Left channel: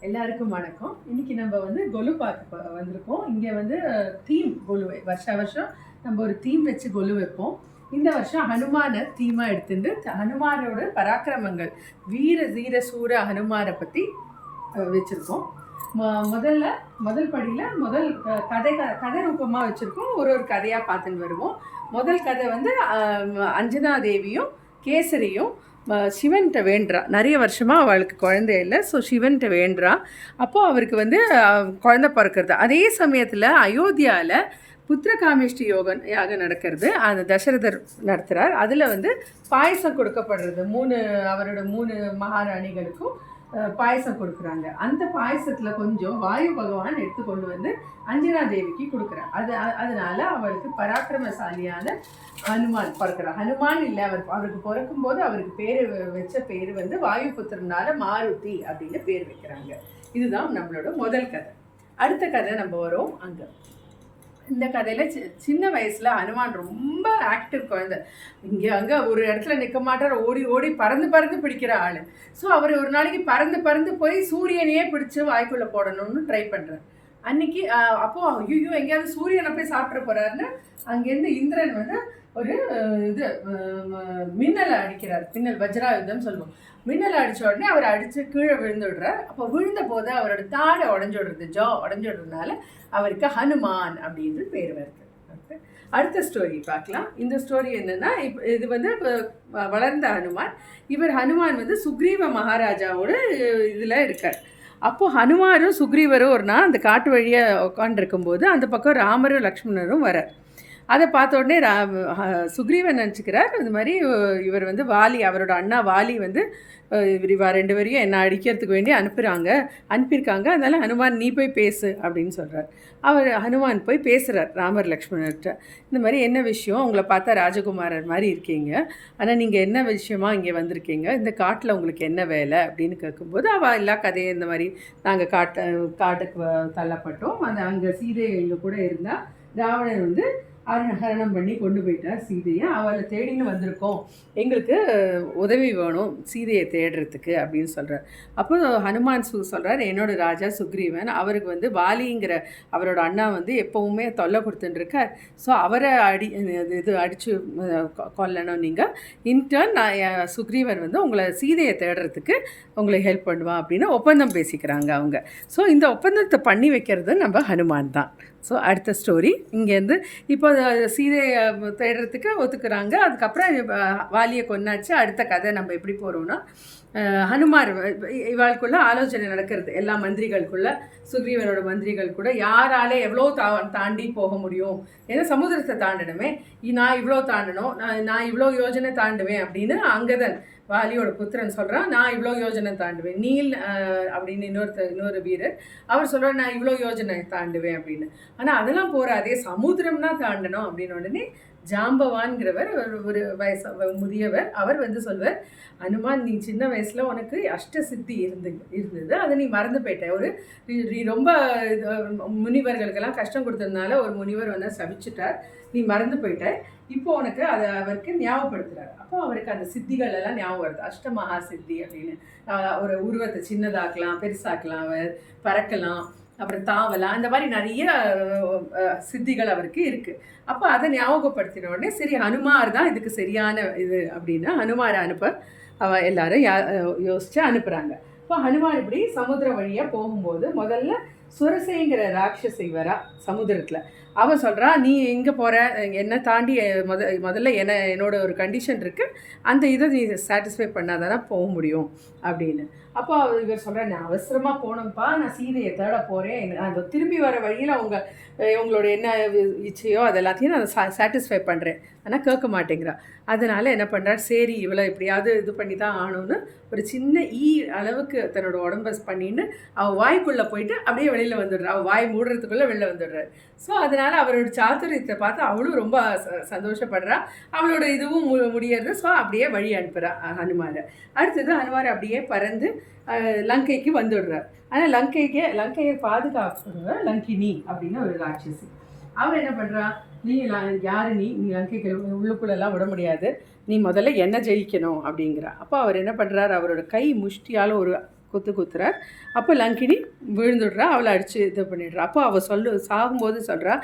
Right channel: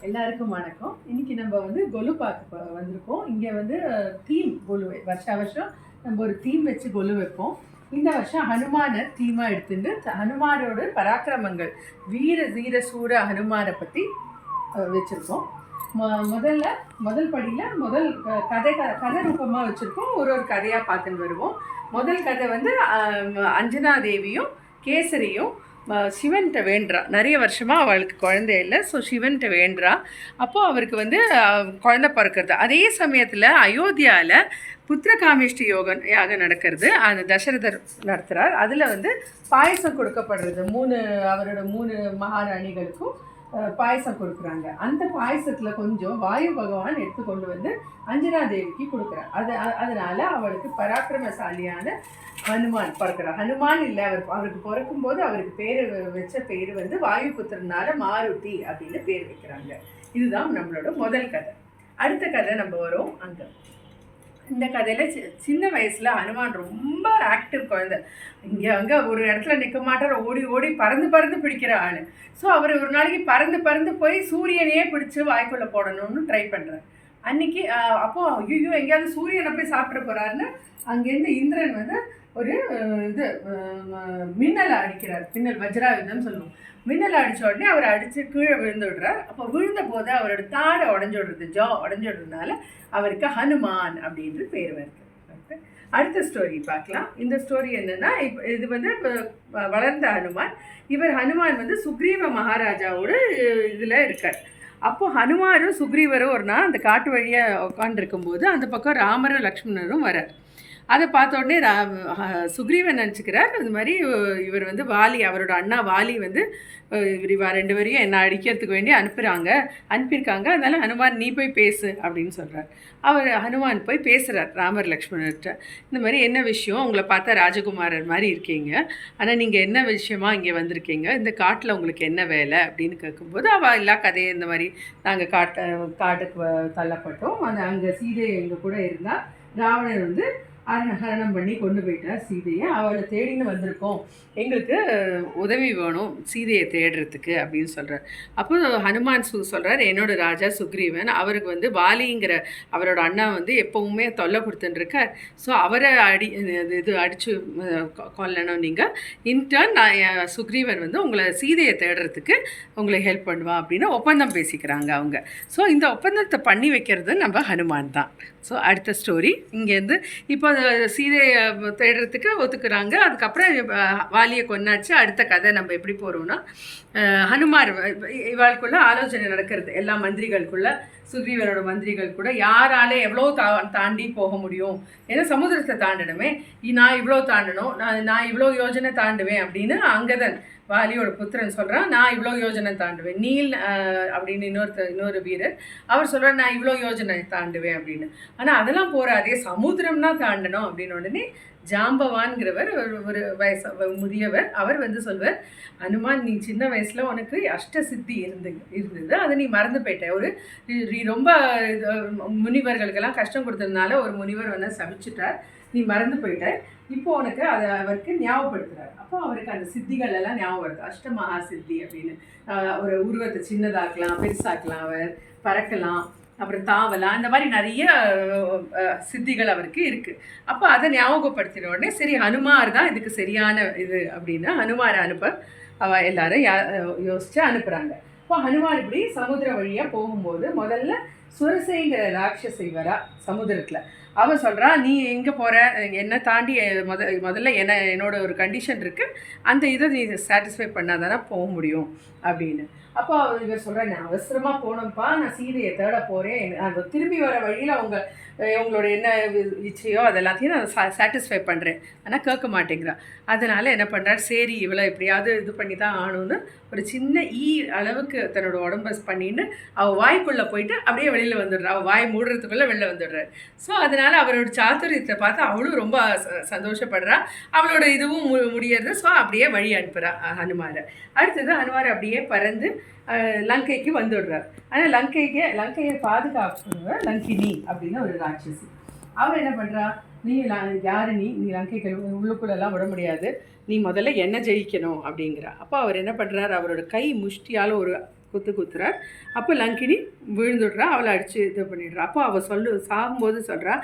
எல்லாருக்கும் வணக்கம். இன்னைக்கு நம்ம வந்து கொலு பார்க்க ப- வந்திருக்கோம். இங்கே வந்து தீம் கொலு வருஷா வருஷம் நம்ம ஒரு தீம் வச்சு கொலு வைப்போம். இந்த வருஷம் ஹனுமானை தீமாக எடுத்துட்டு த- ஹனுமானோட பராக்கிரமங்கள் வீர தீர சூர ஹனுமானை பற்றி வச்சுருக்கோம். முதல்ல முதல் படியில் முதல் கதை கதை ரூபமாக வச்சுருக்கோம். ஒரு ஒரு கதையாக பார்த்துன்னு வருவோம். முதல் கதை வந்து அஞ்சனா தேவியும் கேசரியும் சிவன்கிட்ட வேண்டுறா. நிறைய வருஷமாக அவளுக்கு குழந்தை இல்லை. ஸோ சிவன்கிட்ட வேண்டுறா. அப்போது அவருக்கு வந்து குழந்தை பிறக்கிறது. அதே சமயத்தில் அயோத்தியாவில் புத்திரகாமேஷ்டி யோகம் யாக நடக்கிறது. அந்த தசரதர் நடத்துகிறார் அதில் வந்து பாயசம் கொடுக்கப்படுறது. மூணு அவரோட மூணு மகாராணிகளுக்கும் பாயசம் கொடுக்குறாங்க. அந்த பாயசத்தில் கொஞ்சம் வாயு பகவான் எடுத்து கொண்டு வந்து அஞ்சனா தேவிக்கு கொடுக்குறார். அது அதனால் அவளுக்கு பராக்கிரமசாலியான ஹனுமான் பிறக்கிறார். ஹனுமான் இல்லை அவர் அவருக்கு பிறக்கும்போது அவருக்கு பேர் வச்ச பேர் வந்து வாயு புத்திரனால மாருதி அப்படின்னு பேர் வைக்கிறாங்க. இதுதான் நம்மளோட முதல் கதை. அடுத்த கதை நம்ம வரோம் அங்கே. இந்த கதையில் சி சின்ன வயசில் அனுமான் ரொம்ப ஆக்டிவ் குழந்தை. இங்கே அங்கே ஒரு இடத்துல நிற்க மாட்டார் ஓடி ஓடி பறந்து பறந்து பிடிக்கிற ஆள். ஸோ அவர் ஒரு நாளைக்கு பறந்து பறந்து போய் சூரியனையே பிடிச்சி வாய்க்குள்ளே போடணும்னு ட்ரை பண்ணுறார் அன்னைக்கு அப்போது ஐயோ எங்கேயாவது சூரியனை போய் சாப்பிட போகிறாருன்னு அங்கேருந்து இந்திரன் வந்து ஒரு இது மின்னலை அடிக்கிறார். மின்னல் வஜ்ராயுதம்னு சொல்லுவோம். மின்னலை அடித்த உடனே அவர் அடித்து கீழே விழுந்து விடுறார். அப்போ விழுந்த போது அவரோட தாடை உடஞ்சு விடுறது ஜா உடஞ்சு விடுறதுனால அவருக்கு ஹனுமான் அப்படின்ற பேர் வருது. அடுத்த ஸ்டோரி பார்க்கலாம். இந்த ஸ்டோரி என்னன்னா இப்போ இது வந்து வளர்ந்த ஹனுமான். இவர் ஹனுமான் வந்து சுக்ரீவ மகாராஜாவோட இதில் இருக்கார். அப்போது ஹனுமாரும் சுக்ரீவரும் ஒரு நாள் அந்த காட்டு வழியாக உட்காந்துருக்கும்போது அந்த பக்கம் ராமரும் லக்ஷ்மணரும் வரார். அதை பார்த்த உடனே ரா சுக்ரீவன் நினச்சிக்கிறார். இது மாதிரி இவர் வந்து வாலி அவரோட அண்ணா வாலி வந்து இவர் இவா ரெண்டு பேரையும் என்ன அடிக்கிறதுக்கு வேண்டி அனுப்புகிறாங்க அனுப்பியிருக்காங்க. அதனால் ஹனுமான் நீ போய் பேசு அப்படின்னு சொல்கிறார் அவர் ஹனுமான் போய் பேசுகிறார் ராமர் லக்ஷ்மணர்கிட்ட இந்த மாதிரி என்ன விஷயம்? உங்களை பார்த்தா ராஜகுமாரர் மாதிரி இருக்கீங்க. ஆனால் நீங்கள் என்ன விஷயமா இங்கே வந்திருக்கீங்க? இந்த காட்டில் உங்களுக்கு என்ன வேலை? அப்படின்னு கேட்கும்போது அவள் எல்லா கதையும் இந்த மாதிரி நாங்கள் காட்டு காட்டுக்கு வ- தள்ளப்பட்டோம். அந்த அங்கே சீதை எங்கள் கூட இருந்தால் ராவணன் வந்து ஹரணம் பண்ணி கொண்டு போயிட்டார் சீதையை. அவளை தேடின்னு வந்திருக்கோம். எங்களுக்கு உதவி வேணும் சீதையை தேடுறதுக்கு அப்படின்னு சொல்கிறார் அப்போ ஹனுமான் சு சொல்கிறார் என்னோட ராஜா சுக்ரீவன் அவருக்கு வந்து வாலிங்கிற அவரோட அண்ணா வந்து எப்போவுமே தொல்லை கொடுத்துட்டுருக்கார் ஸோ அவரை அடி இது- அடித்து கொல்லணும் நீங்கள் இன்டர்ன் நான் சுக்ரீவன் வந்து உங்களை சீதையை தேடுறதுக்கு உங்களை ஹெல்ப் பண்ணுவான் அப்படின்னு ஒப்பந்தம் பேசிக்கிறாங்க அவங்க. ஸோ இந்த ஒப்பந்தத்தை பண்ணி வைக்கிறது நம்ம ஹனுமான் தான். ஸோ அடுத்த ஸ்டோரி இங்கேருந்து இப்போ சீதையை தேடுறதுக்கு ஒத்துக்கிறாங்க. அதுக்கப்புறம் வாலியை கொன்னாச்சு. அடுத்த கதை நம்ம எப்படி போகிறோம்னா ஹனுமார் இவ- இவாளுக்குள்ள ஆலோசனை நடக்கிறது. எல்லா மந்திரிகளுக்குள்ள சுக்ரீவனோட மந்திரிகள் கூட யாரால எவ்வளோ தா தாண்டி போக முடியும்? ஏன்னா சமுத்திரத்தை தாண்டணுமே. நான் இவ்வளோ தாண்டணும் நான் நான் இவ்வளோ யோஜனை தாண்டுவேன் அப்படின்னு அங்கதன் வாலியோட புத்திரன் சொல்கிறான் நான் இவ்வளோ யோஜனை தாண்டுவேன். நீல் அப்படின்னு இன்னொருத்தர் இன்னொரு வீரர் அவர் சொல்கிறார் நான் இவ்வளோ யோஜனை தாண்டுவேன் அப்படின்னு. ஆனால் அதெல்லாம் போகாதே சமுத்திரம்னா தாண்டணும் அப்படின்னு உடனே ஜாம்பவான்கிறவர் ஒரு ஒரு வயசு முதியவர். அவர் வந்து சொல்வார் அனுமான் நீ சின்ன வயசில் உனக்கு அஷ்ட சித்தி இருந்து இருந்தது. அதை நீ மறந்து போயிட்ட. ஒரு நீ- ரொம்ப முனிவர்களுக்கெல்லாம் கஷ்டம் கொடுத்ததுனால ஒரு முனிவர் வந்து சபிச்சிட்டார். நீ மறந்து போயிட்ட. இப்போ உனக்கு அதை அவருக்கு ஞாபகப்படுத்துகிறார் அப்போ அவருக்கு அந்த சித்திகள் எல்லாம் ஞாபகம் வருது. அஷ்டமகா சித்தி அப்படின்னு. ஒரு உருவத்தை சின்னதாக்கலாம் பெருசாக்கலாம் அவர் பறக்கலாம். அப்புறம் தாவலா இந்த மாதிரி நிறைய சித்திகள் அவருக்கு இருக்கு. அப்போ அதை ஞாபகப்படுத்தின உடனே சரி ஹனுமார் தான் இதுக்கு சரியான இது அப்படின்னா ஹனுமாரை அனுப்ப அவ எல்லாரும் யா யோசிச்சு அனுப்புகிறாங்க இப்போ ஹனுமான் இப்படி சமுத்திரம் வழியாக போகும்போது முதல்ல சுரசைங்கிற ராட்சசை வரா சமுத்திரத்தில் அவன் சொல்கிறான் நீ எங்கே போகிற என்னை தாண்டி அஹ், முத முதல்ல என்ன என்னோட ஒரு கண்டிஷன் இருக்குது அந்த இதை நீ சாட்டிஸ்ஃபை பண்ணாதானே போக முடியும். அப்படின்னு. அப்போ இவர் சொல்கிறேன் நான் அவசரமாக போனோம்ப்பா நான் சீதையை தேட போகிறேன் அந்த திரும்பி வர வழியில் அவங்க உங்களோட என்ன இச்சையோ அது எல்லாத்தையும் நான் சாட்டிஸ்ஃபை பண்ணுறேன் ஆனால் கேட்க மாட்டேங்கிறா. அதனால் என்ன பண்ணுறாரு சரி இவளை எப்படியாவது இது பண்ணி தான் ஆகணும்னு ஒரு சின்ன ஈ அளவுக்கு தன்னோட உடம்ப பண்ணின்னு அவள் வாய்க்குள்ளே போயிட்டு அப்படியே வெளியில் வந்துடுறா. அவள் வாய் மூடுறதுக்குள்ளே வெளில வந்துடுறாரு. ஸோ அதனால் அவரோட சாத்துரியத்தை பார்த்து அவளும் ரொம்ப ச- சந்தோஷப்படுறா. அவளோட இதுவும் மு முடியறது ஸோ அப்படியே வழி அனுப்புகிறா ஹனுமாரை. அடுத்தது ஹனுமார் அப்படியே பறந்து லங்கைக்கு வந்துடுறார். ஆனால் லங்கைக்கு லங்கையை பாதுகாப்புங்க லங்கினி அப்படின்னு ஒரு ராட்சசி. அவள் என்ன பண்ணுறா நீ யாரு நீ? நீ லங்கைக்கு உள்ளுக்குள்ளெல்லாம் விட முடியாது. நீ முதல்ல என்ன ஜெயிக்கணும் அப்படிங்கிற. அப்போ அவர் என்ன பண்ணுறாரு அவரோட கை முஷ்டியால் ஒரு குத்து குத்துறார். அப்போ லங்கினி விழுந்துடுறா அவளை அடித்து இது பண்ணிடுறா. அப்போ அவள் சொல்லு சாகும்போது சொல்கிறா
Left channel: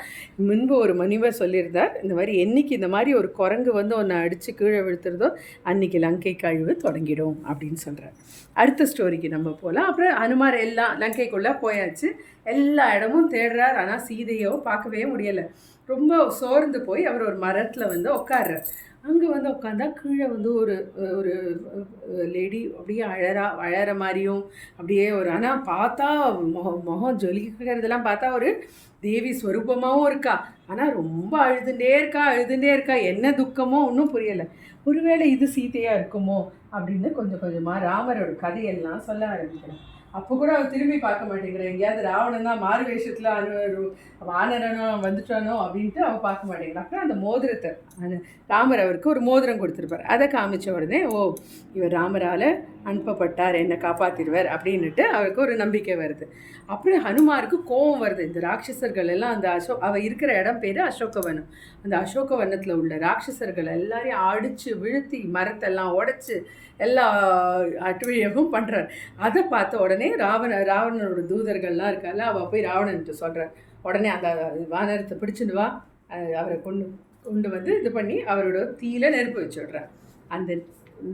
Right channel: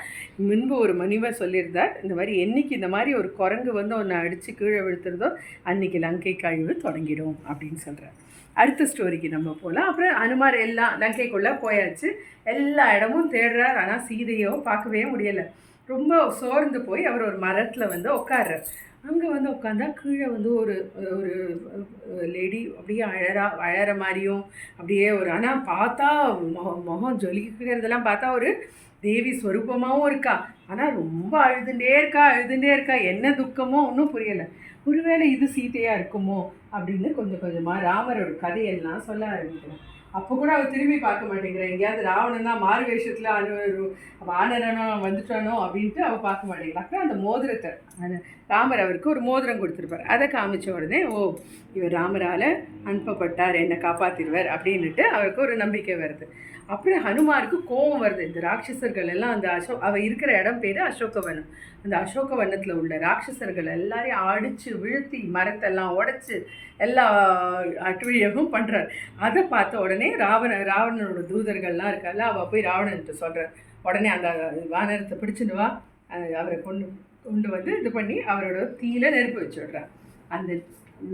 முன்பு ஒரு மனிவர் சொல்லியிருந்தார் இந்த மாதிரி என்னைக்கு இந்த மாதிரி ஒரு குரங்கு வந்து ஒன்று அடித்து கீழே விழுத்துறதோ அன்னைக்கு லங்கை கழிவு தொடங்கிடும் அப்படின்னு சொல்கிறார் அடுத்த ஸ்டோரிக்கு நம்ம போகலாம் அப்புறம் அனுமார் எல்லாம் லங்கைக்குள்ளே போயாச்சு. எல்லா இடமும் தேடுறார் ஆனால் சீதையோ பார்க்கவே முடியலை. ரொம்ப சோர்ந்து போய் அவர் ஒரு மரத்தில் வந்து உட்கார்றார் அங்கே வந்து உட்காந்தா கீழே வந்து ஒரு ஒரு லேடி அப்படியே அழறா அழற மாதிரியும் அப்படியே ஒரு ஆனால் பார்த்தா முகம் முகம் ஜொலிக்கிறதெல்லாம் பார்த்தா ஒரு தேவி ஸ்வரூபமாகவும் இருக்கா. ஆனால் ரொம்ப அழுதுண்டே இருக்கா அழுதுண்டே இருக்கா. என்ன துக்கமோ ஒன்றும் புரியலை. ஒருவேளை இது சீதையாக இருக்குமோ அப்படின்னு கொஞ்சம் கொஞ்சமாக ராமரோட கதையெல்லாம் சொல்ல ஆரம்பிக்கிறேன் அப்போ கூட அவள் திரும்பி பார்க்க மாட்டேங்கிறேன் எங்கேயாவது ராவணன் தான் மாறு வேஷத்தில் அனு வானரனோ வந்துட்டானோ அப்படின்ட்டு அவள் பார்க்க மாட்டேங்கிறான் அப்புறம் அந்த மோதிரத்தை ராமர் அவருக்கு ஒரு மோதிரம் கொடுத்துருப்பார். அதை காமிச்ச உடனே ஓ இவர் ராமரால் அனுப்பப்பட்டார் என்னை காப்பாற்றிடுவார் அப்படின்னுட்டு அவருக்கு ஒரு நம்பிக்கை வருது. அப்படி ஹனுமாருக்கு கோபம் வருது. இந்த ராட்சசர்கள் எல்லாம் அந்த அசோ அவள் இருக்கிற இடம் பேர் அசோகவனம். அந்த அசோகவனத்தில் உள்ள ராட்சசர்கள் எல்லாரையும் அடித்து வீழ்த்தி மரத்தெல்லாம் உடச்சி எல்லா அட்டுழியமும் பண்ணுறார் அதை பார்த்த உடனே ராவண ராவணனோட தூதர்கள்லாம் இருக்கால அவள் போய் ராவணன்ட்டு சொல்கிறார் உடனே அந்த வானரத்தை பிடிச்சிட்டு வா. அவரை கொண்டு கொண்டு வந்து இது பண்ணி அவரோட தீயில நெருப்பு வச்சு விட்றார் அந்த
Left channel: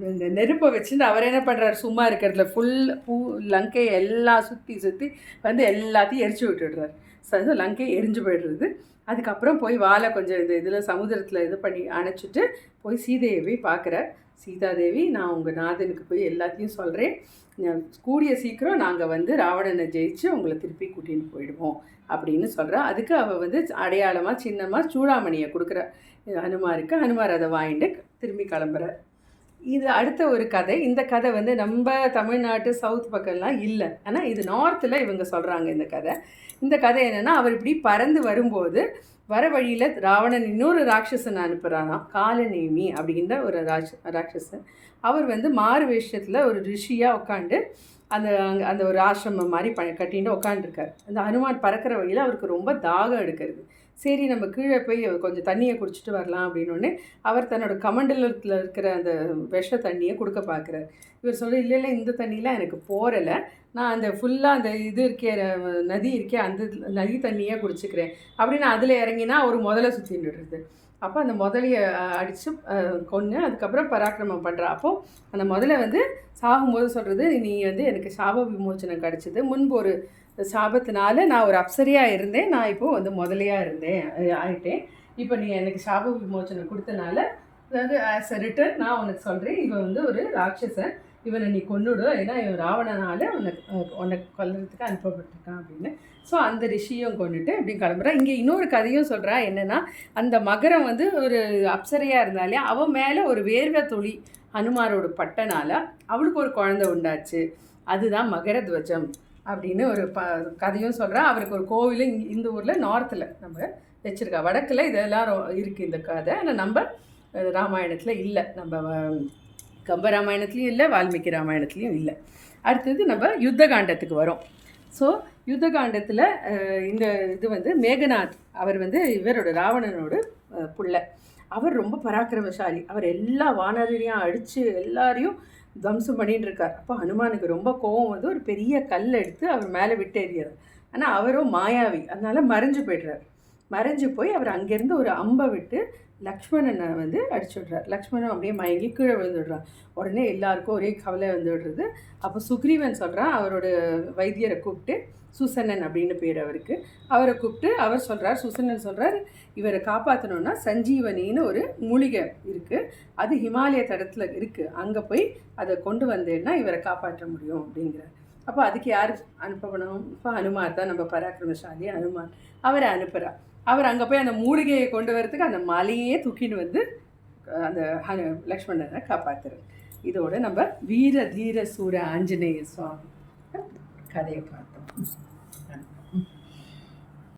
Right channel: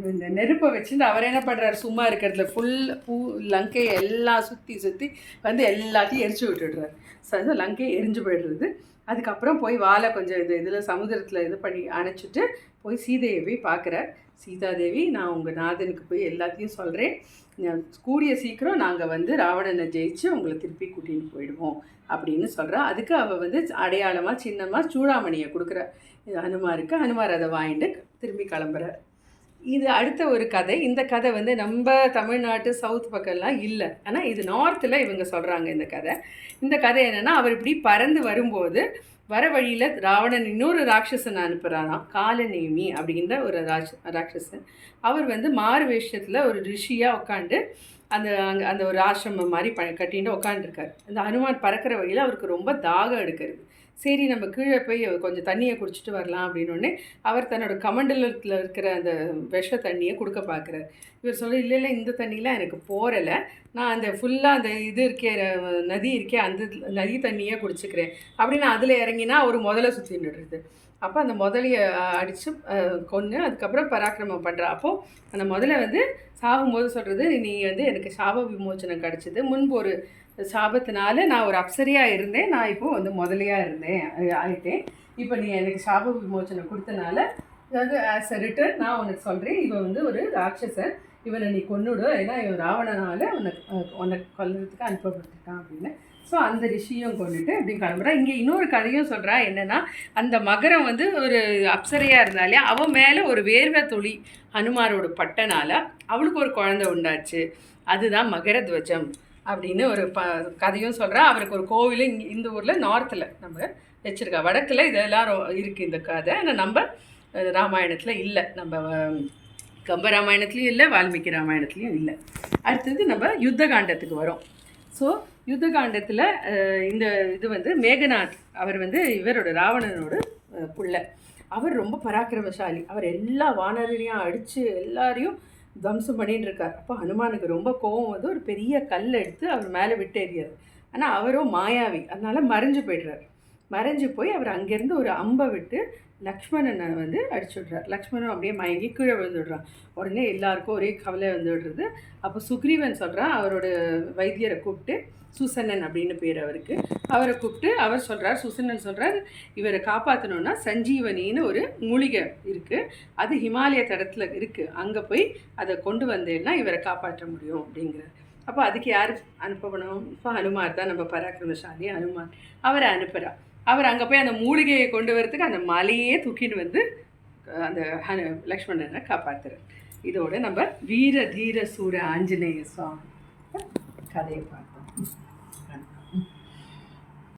இந்த நெருப்பை வச்சுட்டு அவர் என்ன பண்ணுறாரு சும்மா இருக்கிறதுல ஃபுல் பூ லங்கையை எல்லாம் சுற்றி சுற்றி வந்து எல்லாத்தையும் எரிச்சு விட்டுடுறாரு சரி லங்கையை எரிஞ்சு போயிடுறது. அதுக்கப்புறம் போய் வாழை கொஞ்சம் இந்த இதில் சமுதிரத்தில் இது பண்ணி அணைச்சிட்டு போய் சீதையை போய் பார்க்குறார். சீதாதேவி நான் உங்கள் நாதனுக்கு போய் எல்லாத்தையும் சொல்கிறேன் கூடிய சீக்கிரம் நாங்கள் வந்து ராவணனை ஜெயிச்சு உங்களை திருப்பி கூட்டின்னு போயிடுவோம் அப்படின்னு சொல்கிறா அதுக்கு அவள் வந்து அடையாளமாக சின்னமாக சூடாமணியை கொடுக்குற ஹனுமாருக்கு ஹனுமார் அதை வாங்கிட்டு திரும்பி கிளம்புறார் இது அடுத்த ஒரு கதை. இந்த கதை வந்து நம்ம தமிழ்நாட்டு சவுத் பக்கம்லாம் இல்லை. ஆனால் இது நார்த்தில் இவங்க சொல்கிறாங்க இந்த கதை. இந்த கதை என்னென்னா அவர் இப்படி பறந்து வரும்போது வர வழியில் ராவணன் இன்னொரு ராட்சசன் அனுப்புகிறானா காலநேமி அப்படின்ற ஒரு ராட்ச ராட்சசன். அவர் வந்து மாறு வேஷத்தில் ஒரு ரிஷியாக உட்காந்து அந்த அங்கே அந்த ஒரு ஆசிரமம் மாதிரி ப கட்டின்னு உட்காந்துருக்கார் அந்த ஹனுமான் பறக்கிற வழியில் அவருக்கு ரொம்ப தாகம் எடுக்கிறது. சரி நம்ம கீழே போய் கொஞ்சம் தண்ணியை குடிச்சிட்டு வரலாம் அப்படின்னோடனே அவர் தன்னோட கமண்டலத்தில் இருக்கிற அந்த விஷ தண்ணியை கொடுக்க பார்க்குறாரு. இவர் சொல்ல இல்லை இல்லை இந்த தண்ணியெலாம் எனக்கு போரலை நான் அந்த ஃபுல்லாக அந்த இது இருக்கே நதி இருக்கே அந்த நதி தண்ணியாக குடிச்சிக்கிறேன். அப்படின்னு அதில் இறங்கினா அவர் முதல்ல சுற்றின்னுடுறது அப்போ அந்த முதலையை அடித்து கொன்று அதுக்கப்புறம் பராக்கிரமம் பண்ணுற அப்போது அந்த முதல்ல வந்து சாகும்போது சொல்கிறது நீ வந்து எனக்கு சாப விமோச்சனம் கிடச்சிது. முன்பு ஒரு சாபத்தினால நான் ஒரு அப்சரியாக இருந்தேன். நான் இப்போது வந்து முதலையாக இருந்தேன். ஆகிட்டேன் இப்போ நீ எனக்கு சாப விமோச்சனம் கொடுத்தனால அதாவது ஆஸ் அ ரிட்டர்ன் நான் உனக்கு சொல்கிறேன் இவன் வந்து ஒரு ராட்சசன். இவனை நீ கொன்னுடு. ஏன்னா இவன் ராவணனால் உனக்கு உனக்கு கொல்றதுக்கு அனுப்பப்பட்டிருக்கான் அப்படின்னு. ஸோ அந்த ரிஷியும் கொண்டுட்டு அப்படின்னு கிளம்புறான் இங்கே இன்னொரு கதையும் சொல்கிறா என்னென்னா அந்த மகரம் வந்து ஒரு அப்சரையாக இருந்தாலே அவன் மேலே ஒரு வேர்வை துளி ஹனுமாரோட பட்டனால் அவளுக்கு ஒரு குழந்தை உண்டாச்சு. அதுதான் மகர துவஜம் அப்படின்னு ஒரு ப கதையும் சொல்கிறா அவருக்கு ஒரு கோவில் இங்கே இந்த ஊரில் நார்த்தில் நம்ம வச்சுருக்கா. வடக்கில் இதெல்லாம் இருக்குது இந்த கதை. ஆனால் நம்ம ராமாயணத்தில் இல்லை. நம்ம கம்ப ராமாயணத்துலேயும் இல்லை வால்மீகி ராமாயணத்துலேயும் இல்லை. அடுத்தது நம்ம யுத்த காண்டத்துக்கு வரோம். ஸோ யுத்த காண்டத்தில் இந்த இது வந்து மேகநாத் அவர் வந்து இவரோட ராவணனோட புள்ள. அவர் ரொம்ப பராக்கிரமசாலி. அவர் எல்லா வானரையும் அடித்து எல்லாரையும் துவம்சம் பண்ணிட்டு இருக்கார். அப்போ ஹனுமானுக்கு ரொம்ப கோபம் வந்து ஒரு பெரிய கல் எடுத்து அவர் மேலே விட்டு எறியார் ஆனால் அவரும் மாயாவி. அதனால் மறைஞ்சு போய்டுறார். மறைஞ்சு போய் அவர் அங்கேருந்து ஒரு அம்பை விட்டு லக்ஷ்மணனை வந்து அடிச்சுடுறார். லக்ஷ்மணன் அப்படியே மயங்கி கீழே விழுந்துடுறான். உடனே எல்லாருக்கும் ஒரே கவலை வந்துடுறது. அப்போ சுக்ரீவன் சொல்கிறான் அவரோட வைத்தியரை கூப்பிட்டு சுசன்னன் அப்படின்னு பேர் அவருக்கு. அவரை கூப்பிட்டு அவர் சொல்கிறார் சுசன்னன் சொல்கிறார் இவரை காப்பாற்றணுன்னா சஞ்சீவனின்னு ஒரு மூலிகை இருக்குது அது ஹிமாலய தடத்தில் இருக்குது அங்கே போய் அதை கொண்டு வந்தேன்னா இவரை காப்பாற்ற முடியும் அப்படிங்கிறார். அப்போ அதுக்கு யார் அனுப்பணும்? இப்போ ஹனுமார் தான் நம்ம பராக்கிரமசாலி. ஹனுமான் அவரை அனுப்புகிறா அவர் அங்கே போய் அந்த மூலிகையை கொண்டு வரத்துக்கு அந்த மலையே தூக்கின்னு வந்து அந்த லக்ஷ்மணனை காப்பாற்றுறார் இதோட நம்ம வீர தீர சூர ஆஞ்சநேய சுவாமி கதையை பார்த்தோம்.